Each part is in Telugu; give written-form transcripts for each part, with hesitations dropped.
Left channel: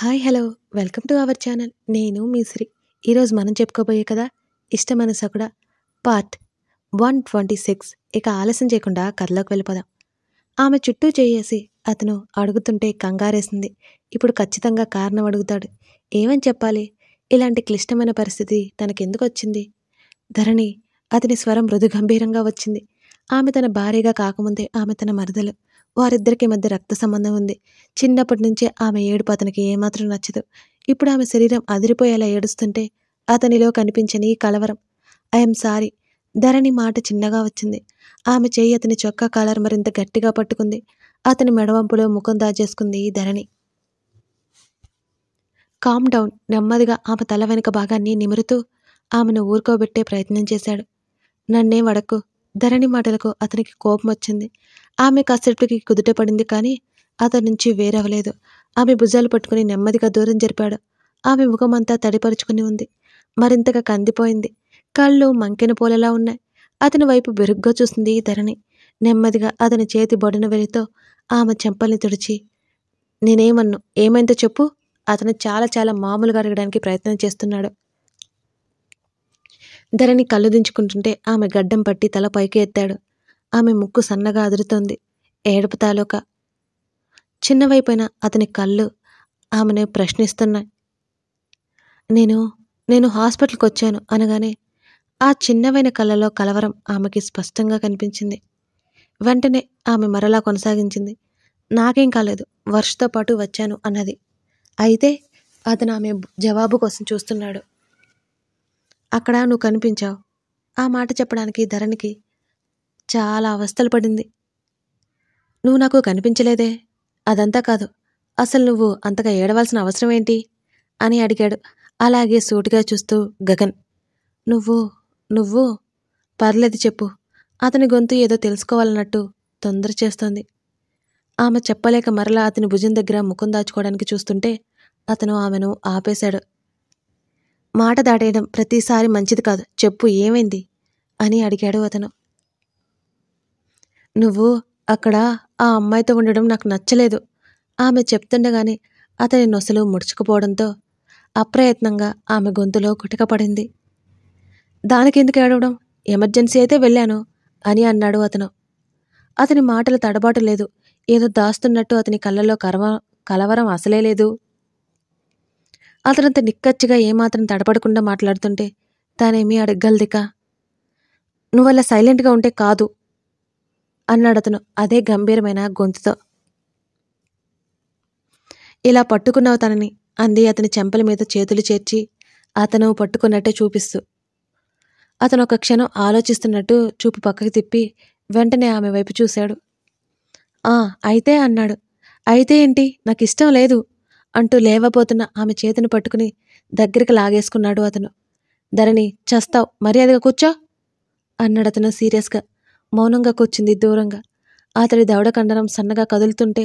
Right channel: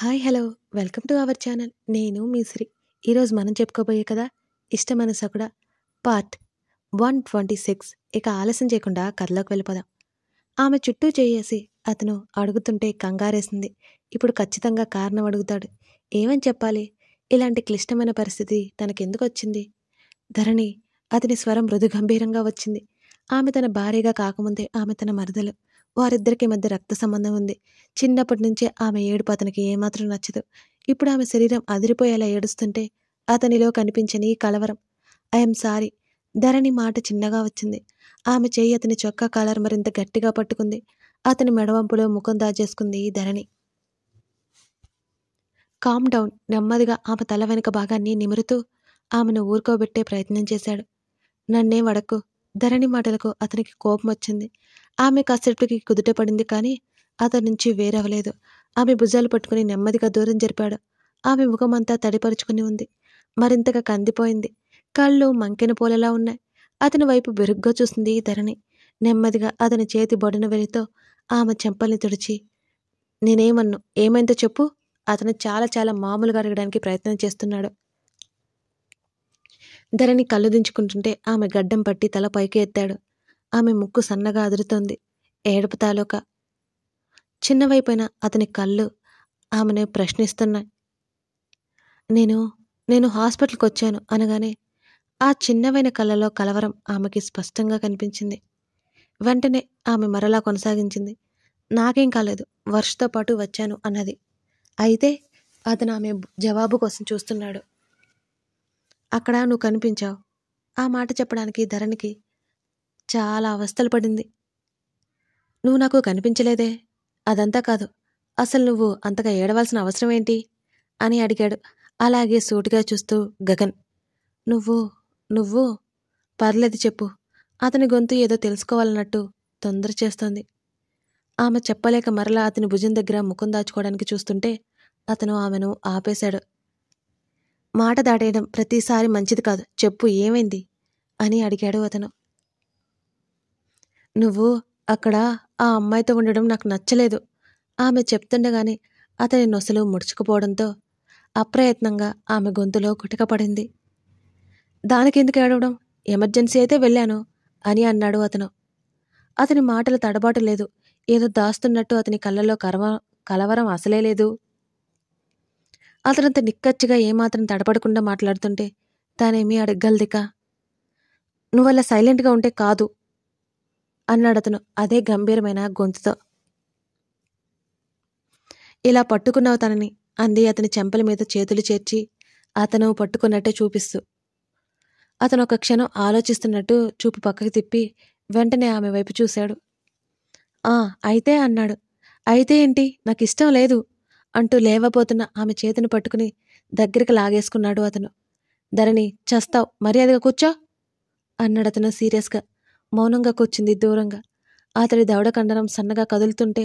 Hi hello welcome to our channel. నేను మీ శ్రీ. ఈరోజు మనం చెప్పుకోబోయే కదా ఇష్టమైన సకుడ పార్ట్ 126. ఇక ఆలస్యం చేయకుండా కథలోకి వెళ్ళిపోదాం. ఆమె చుట్టూ చేయేసి అతను అడుగుతుంటే కంగారేసింది. ఇప్పుడు ఖచ్చితంగా కారణం అడుగుతాడు. ఏమని చెప్పాలి? ఇలాంటి క్లిష్టమైన పరిస్థితి తనకెందుకు వచ్చింది? ధరణి అతని స్వరం మృదు గంభీరంగా వచ్చింది. ఆమె తన భార్యగా కాకముందే ఆమె తన మరదలు. వారిద్దరికి మధ్య రక్త సంబంధం ఉంది. చిన్నప్పటి నుంచే ఆమె ఏడుపు అతనికి ఏమాత్రం నచ్చదు. ఇప్పుడు ఆమె శరీరం అదిరిపోయేలా ఏడుస్తుంటే అతనిలో కనిపించని కలవరం. I'm sorry. ధరణి మాట చిన్నగా వచ్చింది. ఆమె చేయి అతని చొక్కా కాలర్ మరింత గట్టిగా పట్టుకుంది. అతని మెడవంపులో ముఖం దాచేసుకుంది ధరణి. Calm down. నెమ్మదిగా ఆమె తల వెనుక భాగాన్ని నిమురుతూ ఆమెను ఊరుకోబెట్టే ప్రయత్నం చేశాడు. నన్నేం అడక్కు. ధరణి మాటలకు అతనికి కోపం వచ్చింది. ఆమె కాసేపటికి కుదుట పడింది, కానీ అతని నుంచి వేరవలేదు. ఆమె భుజాలు పట్టుకుని నెమ్మదిగా దూరం జరిపాడు. ఆమె ముఖమంతా తడిపరుచుకుని ఉంది. మరింతగా కందిపోయింది. కళ్ళు మంకెన పూలలా ఉన్నాయి. అతని వైపు బెరుగ్గా చూసింది ధరణి. నెమ్మదిగా అతని చేతి బొడన వెలితో ఆమె చెంపల్ని తుడిచి, నేనేమన్ను, ఏమైందో చెప్పు. అతను చాలా చాలా మామూలుగా అడగడానికి ప్రయత్నం చేస్తున్నాడు. ధరణి కళ్ళు దించుకుంటుంటే ఆమె గడ్డం పట్టి తల పైకి ఎత్తాడు. ఆమె ముక్కు సన్నగా అదురుతోంది. ఏడుపు తాలూకా. చిన్నవైపోయిన అతని కళ్ళు ఆమెను ప్రశ్నిస్తున్నాయి. నేను హాస్పిటల్కి వచ్చాను అనగానే ఆ చిన్నవైన కళ్ళలో కలవరం ఆమెకి స్పష్టంగా కనిపించింది. వెంటనే ఆమె మరలా కొనసాగించింది. నాకేం కాలేదు, వర్షతో పాటు వచ్చాను అన్నది. అయితే అతను ఆమె జవాబు కోసం చూస్తున్నాడు. అక్కడ నువ్వు కనిపించావు. ఆ మాట చెప్పడానికి ధరణికి చాలా అవస్థలు పడింది. నువ్వు నాకు కనిపించలేదే. అదంతా కాదు, అసలు నువ్వు అంతగా ఏడవలసిన అవసరం ఏంటి అని అడిగాడు. అలాగే సూటిగా చూస్తూ గగన్. నువ్వు పర్లేదు చెప్పు. అతని గొంతు ఏదో తెలుసుకోవాలన్నట్టు తొందర చేస్తోంది. ఆమె చెప్పలేక మరలా అతని భుజం దగ్గర ముఖం దాచుకోవడానికి చూస్తుంటే అతను ఆమెను ఆపేశాడు. మాట దాటేయడం ప్రతిసారి మంచిది కాదు. చెప్పు, ఏమైంది అని అడిగాడు అతను. నువ్వు అక్కడ ఆ అమ్మాయితో ఉండడం నాకు నచ్చలేదు. ఆమె చెప్తుండగానే అతని నొసలు ముడుచుకుపోవడంతో అప్రయత్నంగా ఆమె గొంతులో కుటకపడింది. దానికెందుకు ఏడవడం? ఎమర్జెన్సీ అయితే వెళ్ళాను అని అన్నాడు అతను. అతని మాటలు తడబాటు లేదు. ఏదో దాస్తున్నట్టు అతని కళ్ళలో కలవరం అసలే లేదు. అతనంత నిక్కచ్చిగా ఏమాత్రం తడపడకుండా మాట్లాడుతుంటే తానేమీ అడగగలదిక. నువ్వలా సైలెంట్గా ఉంటే కాదు అన్నాడతను అదే గంభీరమైన గొంతుతో. ఇలా పట్టుకున్నావు తనని అంది అతని చెంపల మీద చేతులు చేర్చి అతను పట్టుకున్నట్టే చూపిస్తూ. అతను ఒక క్షణం ఆలోచిస్తున్నట్టు చూపు పక్కకి తిప్పి వెంటనే ఆమె వైపు చూశాడు. అయితే అన్నాడు. అయితే ఏంటి? నాకు ఇష్టం లేదు అంటూ లేవబోతున్న ఆమె చేతిని పట్టుకుని దగ్గరికి లాగేసుకున్నాడు అతను. ధరణి, చస్తావు, మర్యాదగా కూర్చో అన్నాడతను సీరియస్గా. మౌనంగా కూర్చుంది దూరంగా. అతడి దవడ కండరం సన్నగా కదులుతుంటే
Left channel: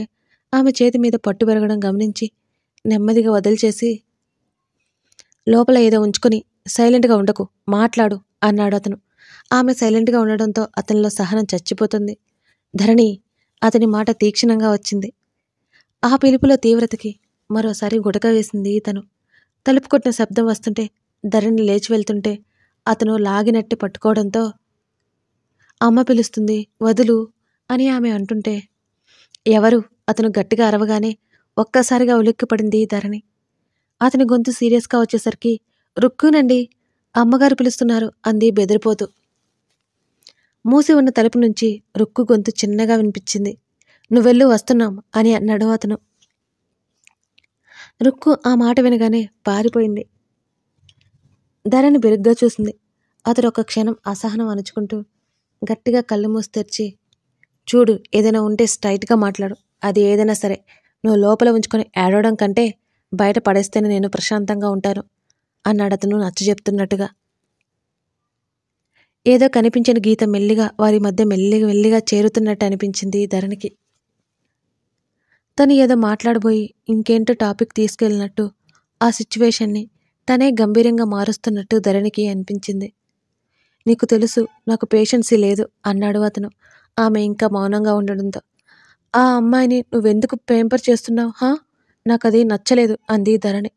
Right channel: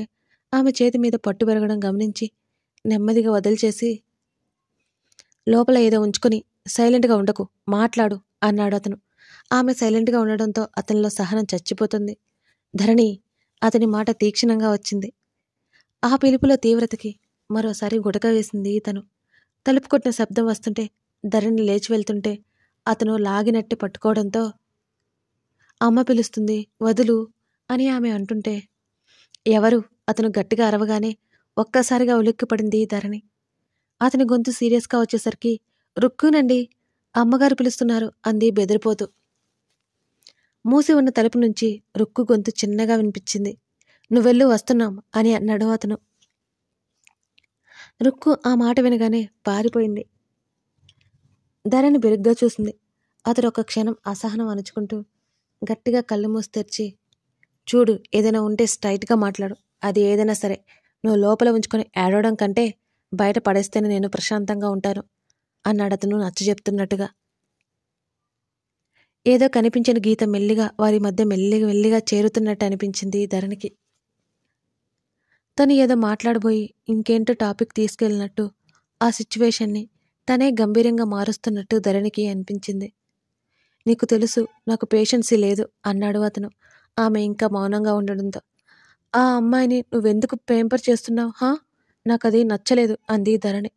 ఆమె చేతి మీద పట్టు పెరగడం గమనించి నెమ్మదిగా వదిలిచేసి, లోపల ఏదో ఉంచుకొని సైలెంట్గా ఉండకు, మాట్లాడు అన్నాడు అతను. ఆమె సైలెంట్గా ఉండడంతో అతనిలో సహనం చచ్చిపోతుంది. ధరణి, అతని మాట తీక్షణంగా వచ్చింది. ఆ పిలుపులో తీవ్రతకి మరోసారి గుటక వేసింది తను. తలుపు కొట్టిన శబ్దం వస్తుంటే ధరణి లేచి వెళ్తుంటే అతను లాగినట్టు పట్టుకోవడంతో, అమ్మ పిలుస్తుంది, వదులు అని ఆమె అంటుంటే, ఎవరు? అతను గట్టిగా అరవగానే ఒక్కసారిగా ఉలిక్కిపడింది ధరణి. అతని గొంతు సీరియస్గా వచ్చేసరికి, రుక్కునండి, అమ్మగారు పిలుస్తున్నారు అంది బెదిరిపోతూ. మూసి ఉన్న తలుపు నుంచి రుక్కు గొంతు చిన్నగా వినిపించింది. నువ్వెళ్ళు, వస్తున్నాం అని అన్నాడు అతను. రుక్కు ఆ మాట వినగానే పారిపోయింది. ధరణి బెరుగ్గా చూసింది. అతడు ఒక క్షణం అసహనం అణుచుకుంటూ గట్టిగా కళ్ళు మూసి తెరిచి, చూడు, ఏదైనా ఉంటే స్ట్రైట్గా మాట్లాడు. అది ఏదైనా సరే. నువ్వు లోపల ఉంచుకొని ఏడవడం కంటే బయట పడేస్తేనే నేను ప్రశాంతంగా ఉంటాను అన్నాడతను నచ్చజెప్తున్నట్టుగా. ఏదో కనిపించిన గీత మెల్లిగా వారి మధ్య మెల్లిగా చేరుతున్నట్టు అనిపించింది ధరణికి. తను ఏదో మాట్లాడబోయి ఇంకేంటో టాపిక్ తీసుకెళ్ళినట్టు ఆ సిచ్యువేషన్ని తనే గంభీరంగా మారుస్తున్నట్టు ధరణికి అనిపించింది. నీకు తెలుసు, నాకు పేషెన్సీ లేదు అన్నాడు అతను. ఆమె ఇంకా మౌనంగా ఉండడంతో, ఆ అమ్మాయిని నువ్వెందుకు పేంపర్ చేస్తున్నావు? నాకది నచ్చలేదు అంది ధరణి.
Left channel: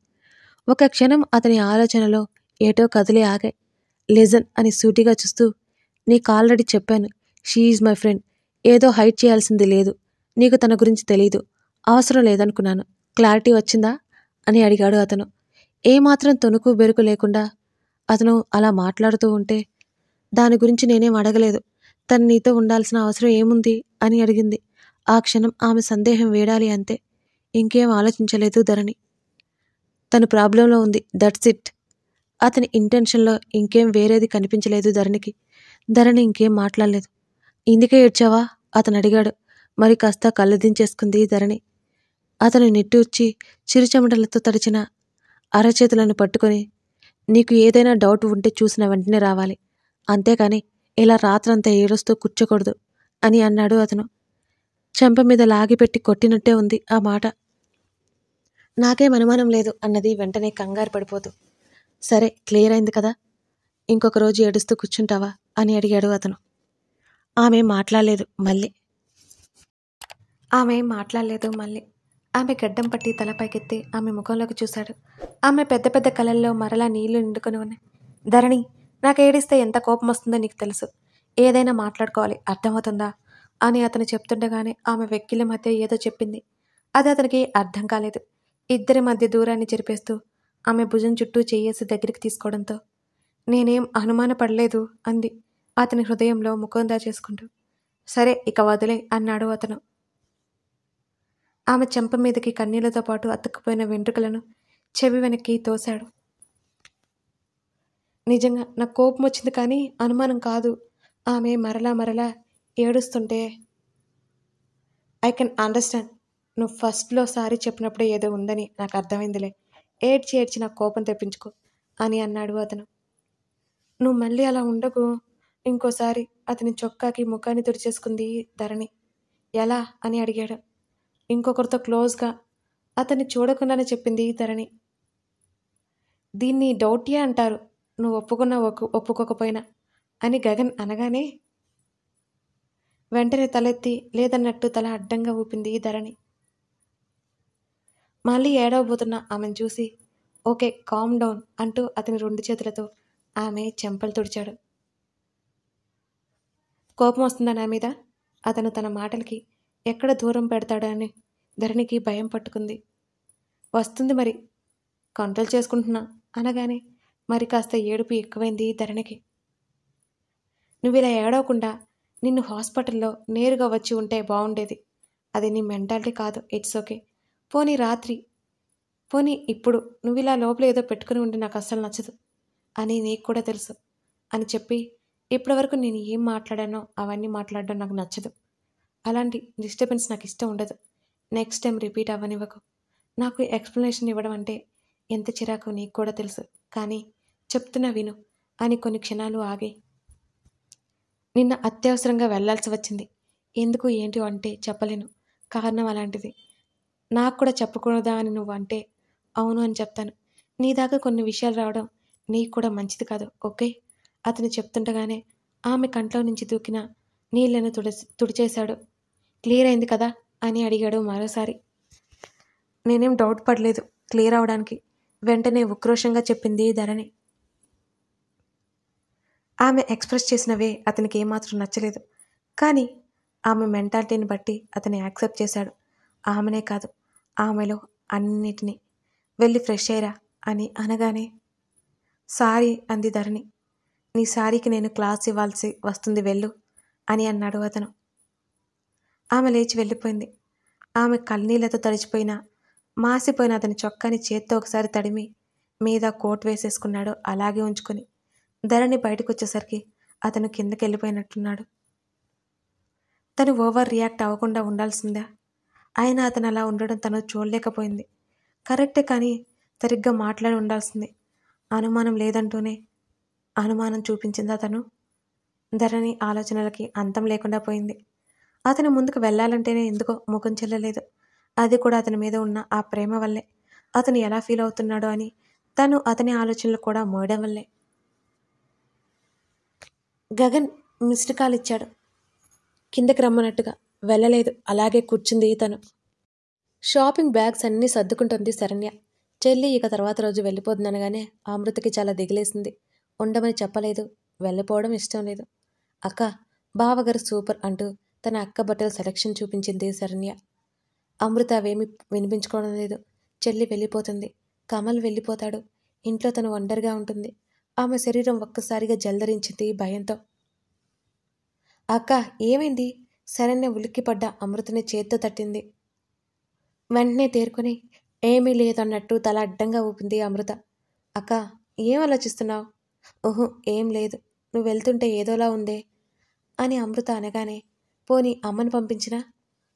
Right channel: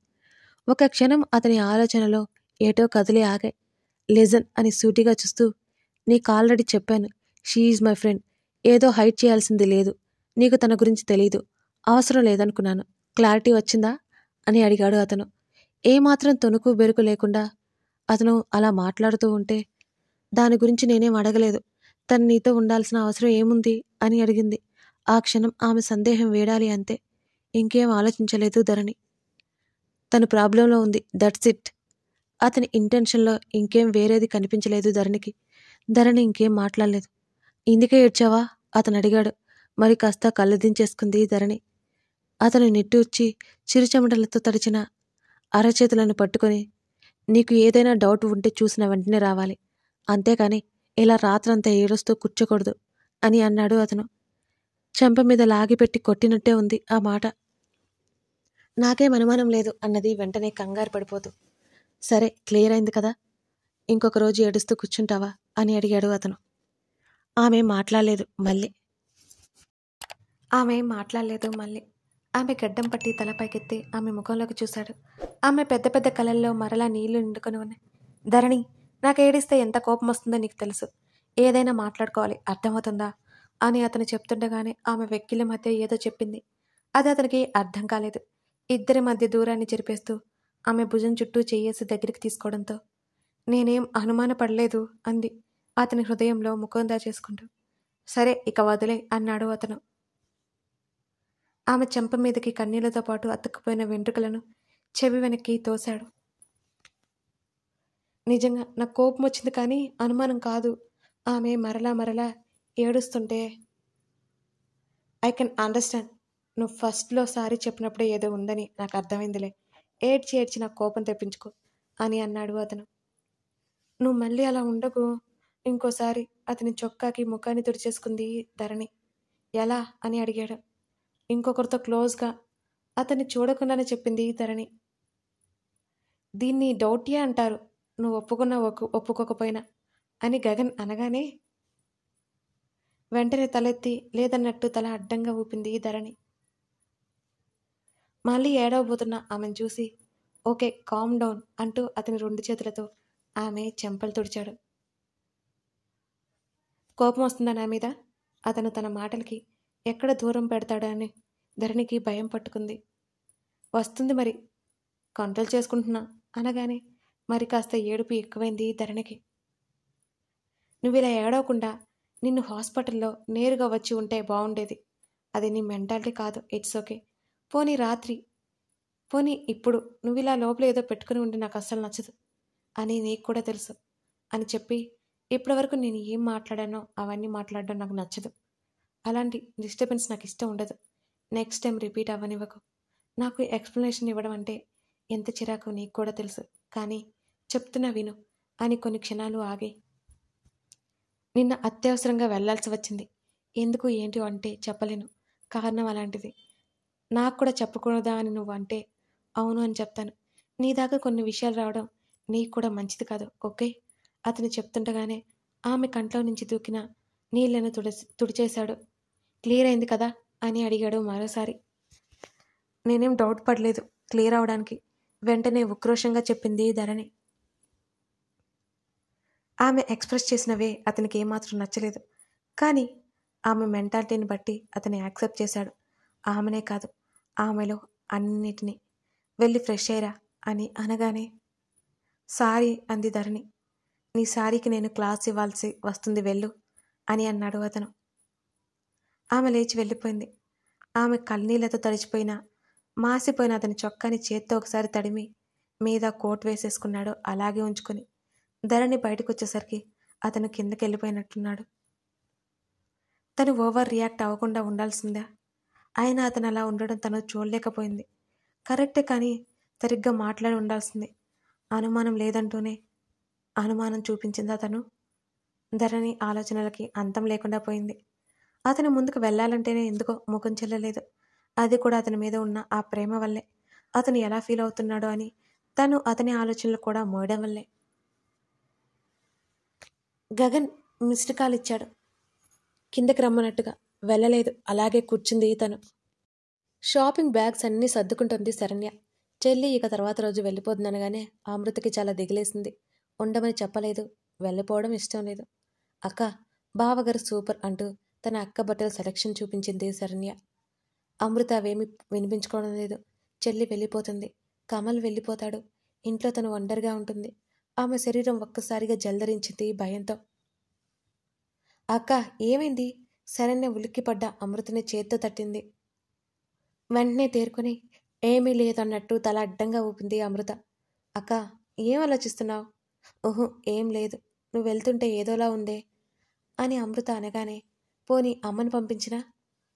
ఒక క్షణం అతని ఆలోచనలో ఏటో కదిలి ఆగాయి. లిజన్ అని సూటిగా చూస్తూ, నీకు ఆల్రెడీ చెప్పాను, షీ ఈజ్ మై ఫ్రెండ్. ఏదో హైడ్ చేయాల్సింది లేదు. నీకు తన గురించి తెలీదు. అవసరం లేదనుకున్నాను. క్లారిటీ వచ్చిందా అని అడిగాడు అతను. ఏమాత్రం తొణుకు బెరుకు లేకుండా అతను అలా మాట్లాడుతూ ఉంటే, దాని గురించి నేనేం అడగలేదు. తను నీతో ఉండాల్సిన అవసరం ఏముంది అని అడిగింది. ఆ క్షణం ఆమె సందేహం వేడాలి అంతే. ఇంకేం ఆలోచించలేదు ధరణి. తను ప్రాబ్లంలో ఉంది, దట్స్ ఇట్. అతని ఇంటెన్షన్లో ఇంకేం వేరేది కనిపించలేదు ధరణికి. ధరణి ఇంకేం మాట్లాడలేదు. ఇందుకే ఏడ్చావా అతను అడిగాడు. మరి కాస్త కళ్ళదించేసుకుంది ధరణి. అతను నిట్టూర్చి చిరుచెమటలతో తడిచిన అరచేతులను పట్టుకొని, నీకు ఏదైనా డౌట్ ఉంటే చూసిన వెంటనే రావాలి, అంతేకాని ఇలా రాత్రంతా ఏడుస్తూ కూర్చోకూడదు అని అన్నాడు అతను. చెంప మీద లాగిపెట్టి కొట్టినట్టే ఉంది ఆ మాట. నాకేం అనుమానం లేదు అన్నది వెంటనే కంగారు పడిపోతూ. సరే, క్లియర్ అయింది కదా, ఇంకొక రోజు ఏడుస్తూ కూర్చుంటావా అని అడిగాడు అతను. ఆమె మాట్లాడలేదు మళ్ళీ. ఆమె గడ్డం పట్టి తలపైకెత్తి ఆమె ముఖంలోకి చూశాడు. ఆమె పెద్ద పెద్ద కళ్ళల్లో మరలా నీళ్లు నిండుకొని ఉన్నాయి. ధరణి, నాకు ఏడిస్తే ఎంత కోపం వస్తుందో నీకు తెలుసు. ఏదైనా మాట్లాడుకోవాలి, అర్థమవుతుందా అని అతను చెప్తుండగానే ఆమె వెక్కిళ్ళ మధ్య ఏదో చెప్పింది. అది అతనికి అర్థం కాలేదు. ఇద్దరి మధ్య దూరాన్ని చెరిపేస్తూ ఆమె భుజం చుట్టూ చెయ్యేసి దగ్గరికి తీసుకోవడంతో, నేనేం అనుమానపడలేదు అంది అతని హృదయంలో ముఖం దాచేసుకుంటూ. సరే, ఇక వదిలే అన్నాడు అతను. ఆమె చెంప మీదకి కన్నీళ్లతో పాటు అతుక్కుపోయిన వెంట్రుకలను చెవి వెనక్కి తోశాడు. నిజంగా నాకు కోపం వచ్చింది కానీ అనుమానం కాదు. ఆమె మరలా ఏడుస్తుంటే, ఐ కెన్ అండర్స్టాండ్. నువ్వు ఫస్ట్లో సారీ చెప్పినప్పుడే ఏదో ఉందని నాకు అర్థమైందిలే. ఏడ్చి నాకు కోపం తెప్పించుకో అని అన్నాడు అతను. నువ్వు మళ్ళీ అలా ఉండకు ఇంకోసారి. అతని చొక్కాకి ముఖాన్ని తుడిచేసుకుంది ధరణి. ఎలా అని అడిగాడు. ఇంకొకరితో క్లోజ్గా అతన్ని చూడకుండానే చెప్పింది ధరణి. దీన్ని డౌటియా అంటారు, నువ్వు ఒప్పుకున్నా ఒప్పుకోకపోయినా అని గగన్ అనగానే వెంటనే తలెత్తి లేదన్నట్టు తల అడ్డంగా ఊపింది ధరణి. మళ్ళీ ఏడవబోతున్న ఆమెను చూసి, ఓకే, కామ్ డౌన్ అంటూ అతని 2 చేతులతో ఆమె చెంపలు తుడిచాడు. కోపం వస్తుందా నా మీద? అతను తన మాటలకి ఎక్కడ దూరం పెడతాడో అని ధరణికి భయం పట్టుకుంది. వస్తుంది మరి, కంట్రోల్ చేసుకుంటున్నా అనగానే మరి కాస్త ఏడుపు ఎక్కువైంది ధరణికి. నువ్వు ఇలా ఏడవకుండా నిన్ను హాస్పిటల్లో నేరుగా వచ్చి ఉంటే బాగుండేది. అది నీ మెంటాలిటీ కాదు. It's okay. పోనీ ఇప్పుడు నువ్వు ఇలా లోపల ఏదో పెట్టుకుని ఉంటే నాకు అస్సలు నచ్చదు అని నీకు కూడా తెలుసు అని చెప్పి, ఇప్పటివరకు నేను ఏం మాట్లాడానో అవన్నీ మాట్లాడడం నాకు నచ్చదు. అలాంటి డిస్టర్బెన్స్ నాకు ఇష్టం ఉండదు. నెక్స్ట్ టైం రిపీట్ అవ్వనివ్వకు. నాకు ఎక్స్ప్లెనేషన్ ఇవ్వడం అంటే ఎంత చిరాకు నీకు కూడా తెలుసు. కానీ చెప్తున్నా విను అని కొన్ని క్షణాలు ఆగి, నిన్న అత్యవసరంగా వెళ్లాల్సి వచ్చింది. ఎందుకు ఏంటి అంటే చెప్పలేను. కారణం అలాంటిది. నాకు కూడా చెప్పకూడదా అని నువ్వు అంటే అవును అని చెప్తాను. నీ దాకా కొన్ని విషయాలు రావడం నీకు కూడా మంచిది కాదు. ఓకే? అతను చెప్తుండగానే ఆమె కంట్లో నుంచి దూకిన నీళ్లను తుడిచేశాడు. క్లియర్ అయింది కదా అని అడిగాడు మరోసారి. నేనేం డౌట్ పడలేదు క్లియర్ అవడానికి, వెంటనే ఉక్రోషంగా చెప్పింది ధరణి. ఆమె ఎక్స్ప్రెస్ చేసినవే అతనికి ఏమాత్రం నచ్చలేదు. కానీ ఆమె మెంటాలిటీని బట్టి అతను యాక్సెప్ట్ చేశాడు. ఆమెనే కాదు, ఆమెలో అన్నిటినీ. వెళ్ళి ఫ్రెష్ అయ్యరా అని అనగానే, సారీ అంది ధరణి. నీ సారీకి నేను క్లాస్ ఇవ్వాల్సి వస్తుంది, వెళ్ళు అని అన్నాడు అతను. ఆమె లేచి వెళ్ళిపోయింది. ఆమె కన్నీళ్లతో తడిచిపోయిన మాసిపోయిన అతని చొక్కాని చేత్తో ఒకసారి తడిమి మీద కోట్ వేసేసుకున్నాడు అలాగే ఉంచుకొని. ధరణి బయటకు వచ్చేసరికి అతను కిందకి వెళ్ళిపోయినట్టున్నాడు. తను ఓవర్ రియాక్ట్ అవ్వకుండా ఉండాల్సిందా? అయినా అతను అలా ఉండడం తను చూడలేకపోయింది. కరెక్టే, కానీ సరిగ్గా మాట్లాడి ఉండాల్సింది. అనుమానం లేదంటూనే అనుమానం చూపించిందా తను? ధరణి ఆలోచనలకి అంతం లేకుండా పోయింది. అతను ముందుకు వెళ్ళాలంటేనే ఎందుకో ముఖం చెల్లలేదు. అది కూడా అతని మీద ఉన్న ఆ ప్రేమ వల్లే. అతను ఎలా ఫీల్ అవుతున్నాడో అని తను అతని ఆలోచనలు కూడా మోయడం వల్లే. గగన్ మిస్డ్ కాల్ ఇచ్చాడు. కిందకి రమ్మన్నట్టుగా వెళ్ళలేదు, అలాగే కూర్చుంది తను. షాపింగ్ బ్యాగ్స్ అన్నీ సర్దుకుంటుంది శరణ్య. చెల్లి ఇక తర్వాత రోజు వెళ్ళిపోతుందనగానే అమృతకి చాలా దిగిలేసింది. ఉండమని చెప్పలేదు, వెళ్ళిపోవడం ఇష్టం లేదు. అక్క, బావగారు సూపర్ అంటూ తన అక్క బట్టల సెలక్షన్ చూపించింది శరణ్య. అమృత అవేమీ వినిపించుకోవడం లేదు. చెల్లి వెళ్ళిపోతుంది, కమల్ వెళ్ళిపోతాడు, ఇంట్లో తను ఒంటరిగా ఉంటుంది. ఆమె శరీరం ఒక్కసారిగా జల్దరించింది భయంతో. అక్క, ఏమైంది? శరణ్య ఉలిక్కిపడ్డ అమృతని చేత్తో తట్టింది. వెంటనే తేరుకొని ఏమీ లేదన్నట్టు తల అడ్డంగా ఊపింది అమృత. అక్క, ఏం ఆలోచిస్తున్నావు? ఓహో, ఏం లేదు, నువ్వు వెళ్తుంటే ఏదోలా ఉందే అని అమృత అనగానే, పోనీ అమ్మని పంపించినా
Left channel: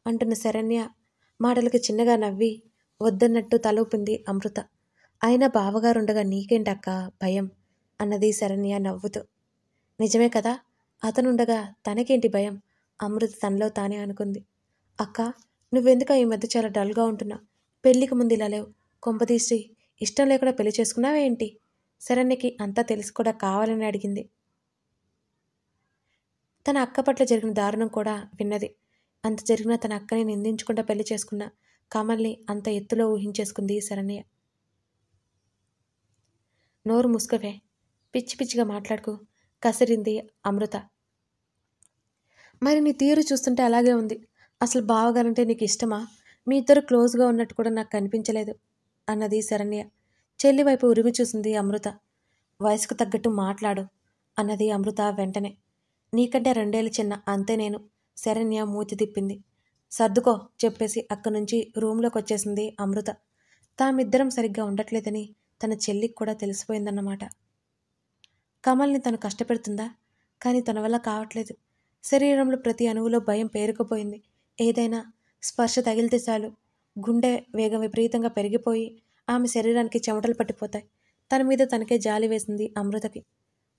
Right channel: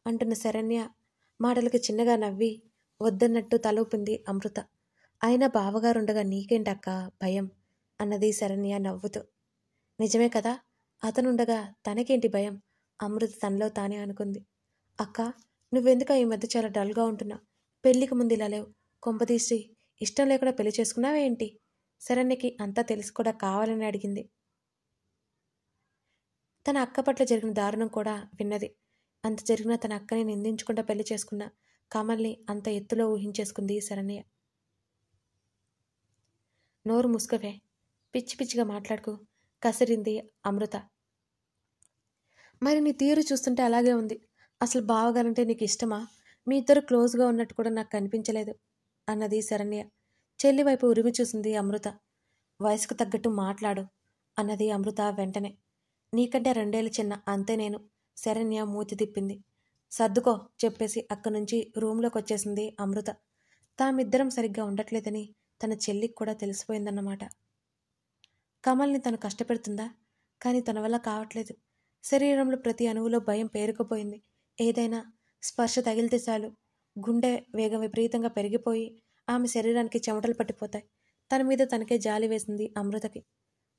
అంటున్న శరణ్య మాటలకి చిన్నగా నవ్వి వద్దన్నట్టు తల ఊపింది అమృత. అయినా బావగారుండగా నీకేంటక్క భయం అన్నది శరణ్య నవ్వుతూ. నిజమే కదా, అతనుండగా తనకేంటి భయం? అమృత తనలో తానే అనుకుంది. అక్క, నువ్వెందుక ఈ మధ్య చాలా డల్గా ఉంటున్నా? పెళ్లికి ముందు ఇలా లేవు. కొంపదీసి ఇష్టం లేకుండా పెళ్లి చేసుకున్నావేంటి? శరణ్యకి అంతా తెలిసి కూడా కావాలని అడిగింది. తన అక్క పట్ల జరిగిన దారుణం కూడా విన్నది. అంత జరిగినా తన అక్కని నిందించకుండా పెళ్లి చేసుకున్న కమల్ని అంత ఎత్తులో ఊహించేసుకుంది శరణ్య. నోరు మూసుకవే, పిచ్చి పిచ్చిగా మాట్లాడుకు కసిరింది అమృత. మరి నీ తీరు చూస్తుంటే అలాగే ఉంది. అసలు బావగారంటే నీకు ఇష్టమా? మీ ఇద్దరు క్లోజ్గా ఉన్నట్టు కూడా నాకు కనిపించలేదు అన్నది శరణ్య. చెల్లి వైపు ఉరిమి చూసింది అమృత. వయసుకు తగ్గట్టు మాట్లాడు అన్నది అమృత వెంటనే. నీకంటే 2 ఏళ్ళు చిన్న, అంతే నేను. శరణ్య మూతి తిప్పింది. సర్దుకో చెప్పేసి అక్కడి నుంచి రూమ్లోకి వచ్చేసింది అమృత. తామిద్దరం సరిగ్గా ఉండట్లేదని తన చెల్లికి కూడా తెలిసిపోయిందన్నమాట. కమల్ని తను కష్టపెడుతుందా? కానీ తన వల్ల కావట్లేదు. శరీరంలో ప్రతి అణువులో భయం పేరుకుపోయింది. ఏదైనా స్పర్శ తగిలితే చాలు గుండె వేగం విపరీతంగా పెరిగిపోయి ఆమె శరీరానికి చెమటలు పట్టిపోతాయి. తన మీద తనకే జాలి వేసింది అమృతకి.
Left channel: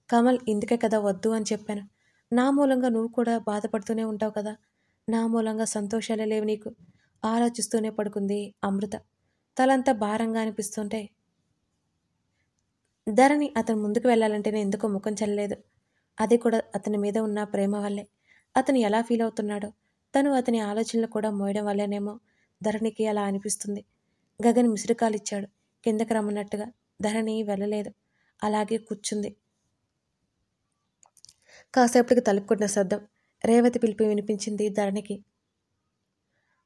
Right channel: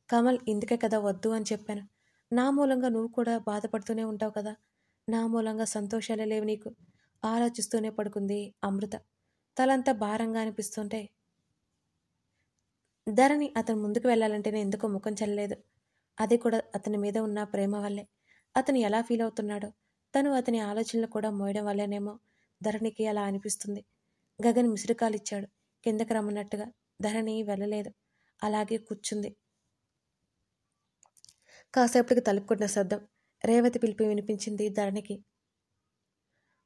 కమల్, ఇందుకే కదా వద్దు అని చెప్పాను. నా మూలంగా నువ్వు కూడా బాధపడుతూనే ఉంటావు కదా, నా మూలంగా సంతోషాలే లేవు నీకు. ఆలోచిస్తూనే పడుకుంది అమృత. తలంతా భారంగా అనిపిస్తుంటే ధరణి అతను ముందుకు వెళ్ళాలంటేనే ఎందుకో ముఖం చెల్లలేదు. అది కూడా అతని మీద ఉన్న ప్రేమ వల్లే. అతను ఎలా ఫీల్ అవుతున్నాడో, తను అతని ఆలోచనలు కూడా మోయడం వల్లేనేమో ధరణికి అలా అనిపిస్తుంది. గగన్ మిసురుకాలిచ్చాడు కిందకి రమ్మన్నట్టుగా. ధరణి వెళ్ళలేదు, అలాగే కూర్చుంది. కాసేపటికి తలుపుకున్న శబ్దం, రేవతి పిలిపి వినిపించింది ధరణికి.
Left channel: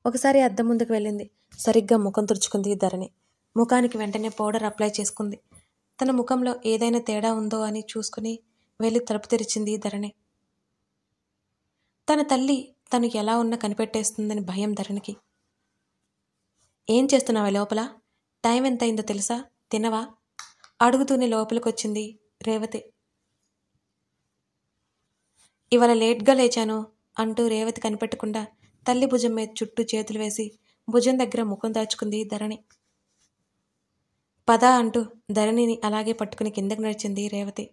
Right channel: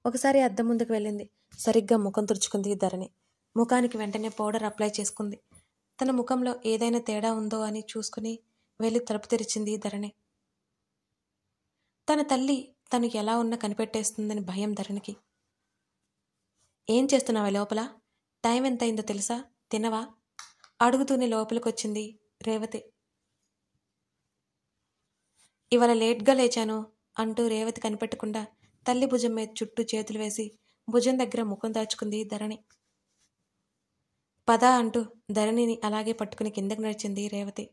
ఒకసారి అద్దం ముందుకు వెళ్ళింది. సరిగ్గా ముఖం తుడుచుకుంది ధరణి. ముఖానికి వెంటనే పౌడర్ అప్లై చేసుకుంది. తన ముఖంలో ఏదైనా తేడా ఉందో అని చూసుకుని వెళ్ళి తలుపు తెరిచింది ధరణి. తన తల్లి తను ఎలా ఉన్నా కనిపెట్టేస్తుందని భయం ధరణికి. ఏం చేస్తున్నావా లోపల? టైం ఎంత అయిందో తెలుసా? తినవా? అడుగుతూనే లోపలికొచ్చింది రేవతి. ఇవాళ లేట్గా లేచాను అంటూ రేవతి కనిపెట్టకుండా తల్లి భుజం మీద చుట్టూ చేతులు వేసి భుజం దగ్గర ముఖం దాచుకుంది ధరణి. పద అంటూ ధరణిని అలాగే పట్టుకుని కిందకి నడిచింది రేవతి.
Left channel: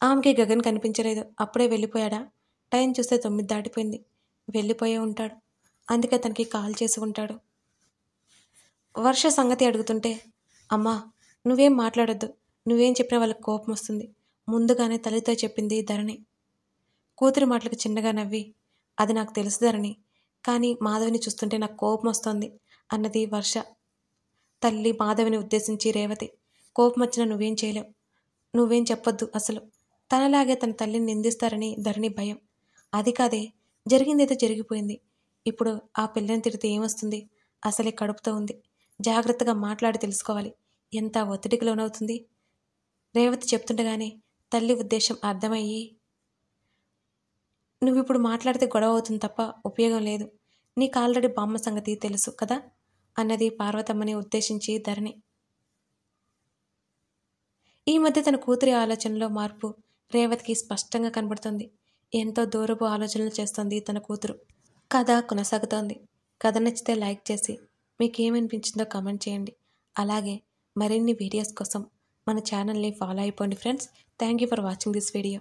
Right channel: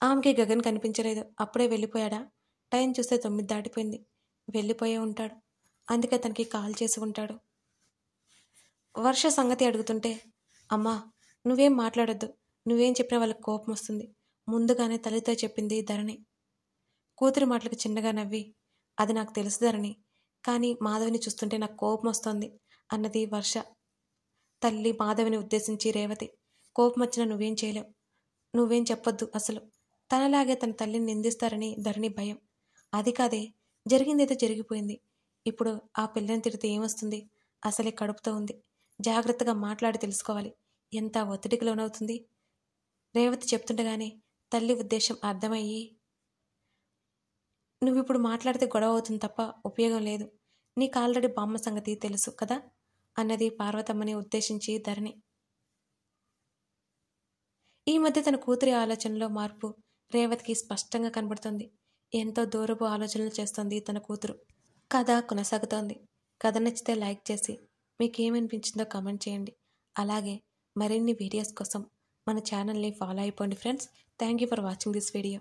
ఆమెకి గగన్ కనిపించలేదు. అప్పుడే వెళ్ళిపోయాడా? టైం చూస్తే 9 దాటిపోయింది. వెళ్ళిపోయే ఉంటాడు, అందుకే తనకి కాల్ చేసి ఉంటాడు. వర్ష సంగతి అడుగుతుంటే, అమ్మా నువ్వేం మాట్లాడొద్దు, నువ్వేం చెప్పినా వాళ్ళకి కోపం వస్తుంది ముందుగానే తల్లితో చెప్పింది ధరణి. కూతురి మాటలకు చిన్నగా నవ్వి, అది నాకు తెలుసు ధరణి, కానీ మాధవిని చూస్తుంటే నాకు కోపం వస్తోంది అన్నది వర్ష. తల్లి మాధవిని ఉద్దేశించి రేవతి, కోపం వచ్చినా నువ్వేం చేయలేవు, నువ్వేం చెప్పొద్దు అసలు. తనలాగే తన తల్లిని నిందిస్తారని ధరణి భయం. అది కాదే, జరిగిందేదో జరిగిపోయింది. ఇప్పుడు ఆ పిల్లని తిడితే ఏమొస్తుంది? అసలే కడుపుతో ఉంది. జాగ్రత్తగా మాట్లాడి తెలుసుకోవాలి. ఎంత ఒత్తిడికి లోనవుతుంది. రేవతి చెప్తుండగానే తల్లి ఉద్దేశం అర్థమయ్యి, నువ్విప్పుడు మాట్లాడితే గొడవ అవుతుంది తప్ప ఉపయోగం లేదు, నీకు ఆల్రెడీ బామ్మ సంగతి తెలుసు కదా అన్నది పార్వతమ్మని ఉద్దేశించి ధరణి. ఈ మధ్య తన కూతురి ఆలోచనలో మార్పు రేవతికి స్పష్టంగా కనబడుతుంది. ఎంతో దూరపు ఆలోచనలు చేస్తోంది తన కూతురు. కథ కొనసాగుతోంది. కథ నచ్చితే లైక్ చేసి మీకేమనిపించిందో కామెంట్ చేయండి. అలాగే మరిన్ని వీడియోస్ కోసం మన ఛానల్ని ఫాలో అయిపోండి friends. Thank you for watching this video.